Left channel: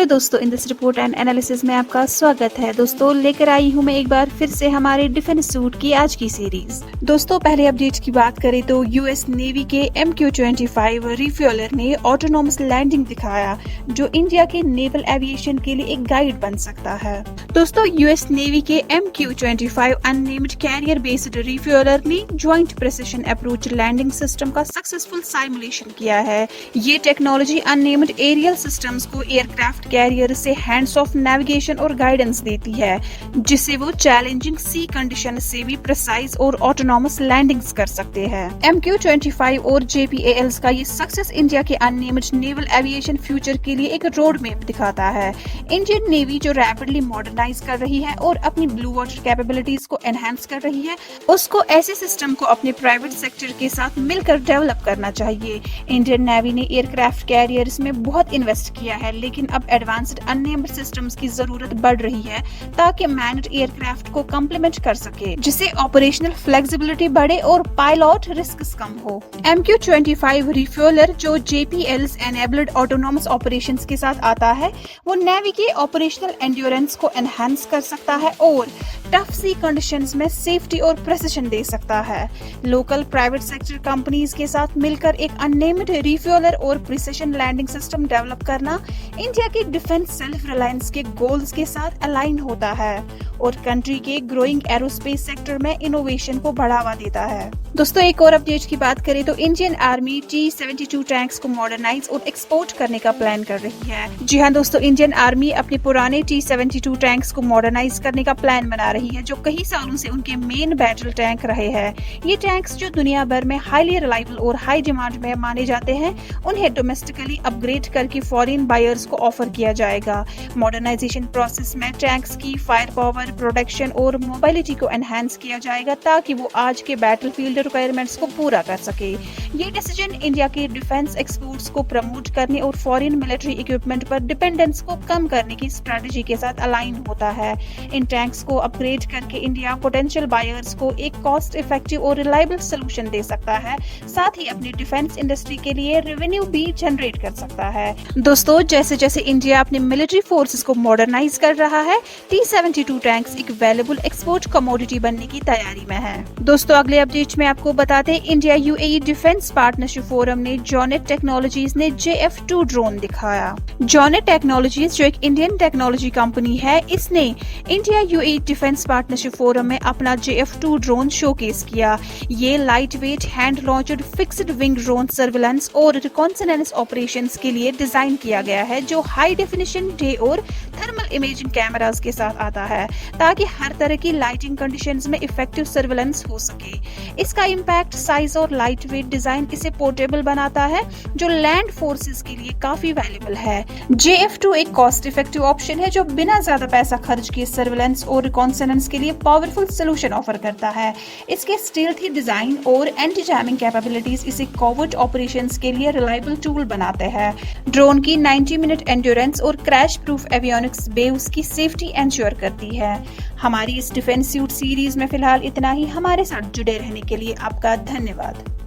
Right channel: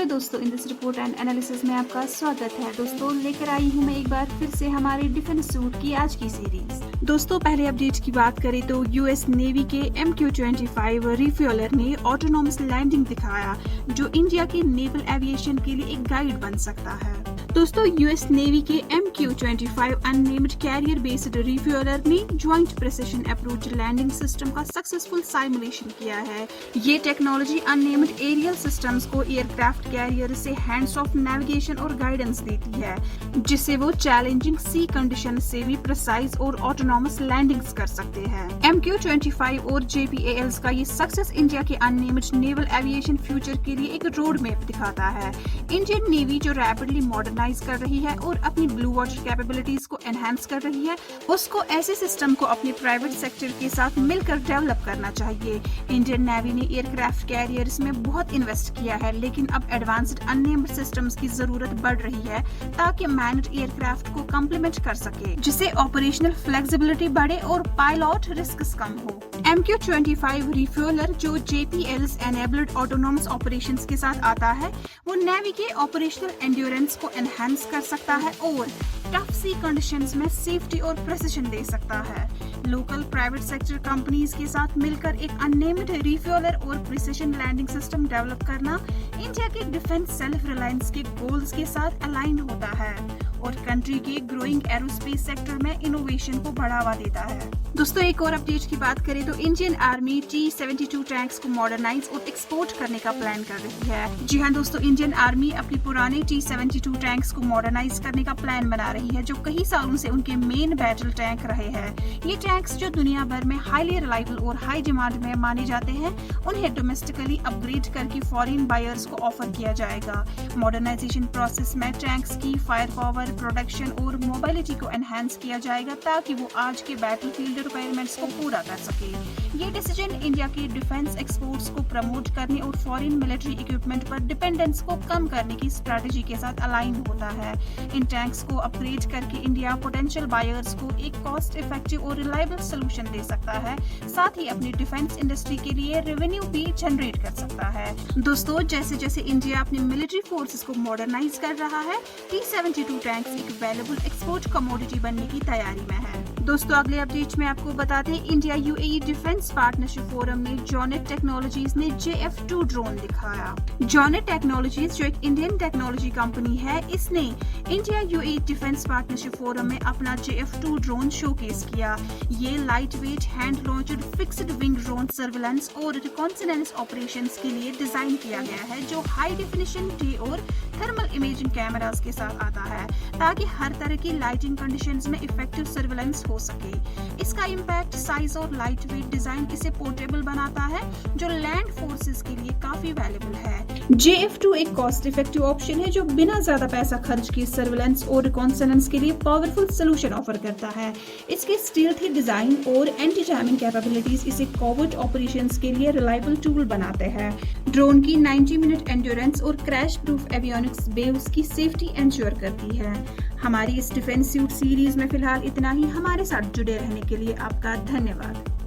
Hello दोस्तों, in this report and analysis में आपका स्वागत है। दोस्तों, लेकर आई हूं मैं एक बार फिर से हमारे डिफेंस सूट की आज की सीरीज। दोस्तों, पहले अपडेट की बात करें तो यूएस नेवी के MQ-25 रिफ्यूलर ने ऑटोनॉमस लैंडिंग दिखाया, जो इंडिया के नेवल एविएशन के लिए एक गाइड बन सकता है। दोस्तों, यूएस नेवी के MQ-25 unnamed carrier based refueller ने joint precision approach landing system का सक्सेसफुल साइमुलेशन किया है। ये टेक्नोलॉजी अननेम्ड एरियल सिस्टम्स को एयरक्राफ्ट कैरियर से हैंड्स ऑफ नेविगेशन और गाइडेंस देती है, जिससे वो चैलेंजिंग सी कंडीशन से भी प्रिसाइज और ऑटोनॉमस लैंडिंग्स कर सकते हैं। MQ-25 और JPALs का ये सक्सेस इंडिया के अननेम्ड नेवल एविएशन फ्यूचर के लिए एक रोड मैप दिखाता है। इंडियन नेवी जो रैपिडली मॉडर्नाइज कर रही है और अपनी ब्लू वाटर कैपेबिलिटीज को एनहांस कर रही है, उसको ऐसे सिस्टम को अपने प्राइवेट सेक्टर के साथ मिलकर डेवलप करना चाहिए। इंडियन नेवी ने एयरक्राफ्ट कैरियर्स में बहुत इन्वेस्ट किया है, लेकिन अब एडवांस्ड अननेम्ड सिस्टम्स की जरूरत बढ़ रही है ताकि मैन्ड एयरक्राफ्ट को कम्प्लीमेंट कर सके, जिससे ऑपरेशनल फ्लेक्सिबिलिटी बढ़े और पायलट रिस्क कम हो। MQ-25 रिफ्यूलर जो JPLs एनेबल्ड ऑटोनॉमस ऑपरेशंस के साथ आता है, वो नेवी के ऑपरेशनल एंड्योरेंस को एनहांस कर सकता है और टफ सी कंडीशंस में सेफ्टी और प्रेसिशन दे सकता है। लोकल प्राइवेट सेक्टर कंपनीज के साथ मिलकर एक अननेम्ड रिफ्यूलर और प्रिसिशन लैंडिंग सिस्टम डेवलप करना इंडिया के डिफेंस सेल्फ रिलायंस के गोल्स के साथ अलाइन होता है और कंट्री के ग्रोइंग एरोस्पेस सेक्टर में इनोवेशन को बढ़ावा देता है। दोस्तों, एक और अपडेट की बात करें तो इंडियन आर्मी T-72 टैंक्स को मॉडर्नाइज और एक्सपोर्ट करने का प्लान कर रही है। जी हाँ दोस्तों, इंडियन आर्मी अपने पुराने T-72 टैंक्स को मॉडर्नाइज करने का प्लान बना रही है, जो कई सालों से उनके मेन बैटल टैंक रहे हैं। ये टैंक्स जो दुनिया भर में हाईली रिलायबल और हाई डिमांड में माने जाते हैं, उन्हें डोमेस्टिकली अपग्रेड करके फॉरेन बायर्स को ऑफर किया जाएगा। मॉडर्नाइजेशन प्रोसेस में टैंक्स की फायर पावर, प्रोटेक्शन और मोबिलिटी को एनहांस किया जाएगा ताकि वो आज के बैटलफील्ड रिक्वायरमेंट्स को पूरा कर सके। ये डिसीजन इंडिया के डिफेंस एक्सपोर्ट्स को प्रमोट करने और फॉरेन मिलिट्री इक्विपमेंट पर डिपेंडेंस को कम करने की स्ट्रेटजी के साथ अलाइन होता है। इन टैंक्स को अपग्रेड करके इंडिया पोटेंशियल बायर्स को एक कॉस्ट इफेक्टिव और रिलायबल सोल्यूशन दे सकता है, साथ ही अपनी डिफेंस इंडस्ट्री के लिए रेवेन्यू भी जनरेट कर सकता है। दोस्तों, जैसे जैसे इंडिया अपने मिलिट्री फोर्सेस को मॉडर्नाइज कर रहा है, T-72 टैंक्स एक वैल्यूएबल एक्सपोर्ट कमोडिटी बनने की तैयारी में है। दोस्तों, अगले अपडेट में आपको बताते हैं India UAE defence partnership forum ने जॉनेट टेक्नोलॉजीज ने JF2 ड्रोन दिखाया। जॉनेट टेक्नोलॉजीज जो एक इंडियन टेक्नोलॉजी कंपनी है, इसने India UAE defence partnership forum में अपना JF2 ड्रोन शोकेस किया। ये light weight hand launched fixed wing drone surveillance और रिकॉन्सनेंस ऑपरेशंस के लिए डिजाइन किया गया है, जो हाई डेफिनेशन डे और थर्मल इमेजिंग कैमरास के साथ आता है ताकि हर तरह की लाइटिंग कंडीशंस में इफेक्टिव सर्विलेंस हो सके। इसका इम्पैक्ट साइज और लाइट वेट डिजाइन इसे पोर्टेबल बनाता है, जो लैंड फोर्सेस के लिए काफी वैल्यूएबल है। JF2 एक कॉस्ट इफेक्टिव ऑप्शन है जो बिना ज्यादा पैसा खर्च किए सर्विलेंस और रिकॉन्सनेंस के लिए पावरफुल सोल्यूशन ऑफर करता है। इसके स्टील्थी डिजाइन और एंटी जैमिंग कैपेबिलिटीज इसे कॉवर्ट ऑपरेशंस के लिए रिलायबल टूल बनाते हैं। ड्रोन की 90 मिनट एंड्योरेंस और क्रैश प्रूफ एवियोनिक्स बेव्स की सेफ्टी एंश्योर करती है। हमारी इस डिफेंस सूट सीरीज में फिलहाल इतना ही। हमारे साथ जुड़े रहने के लिए आपका धन्यवाद।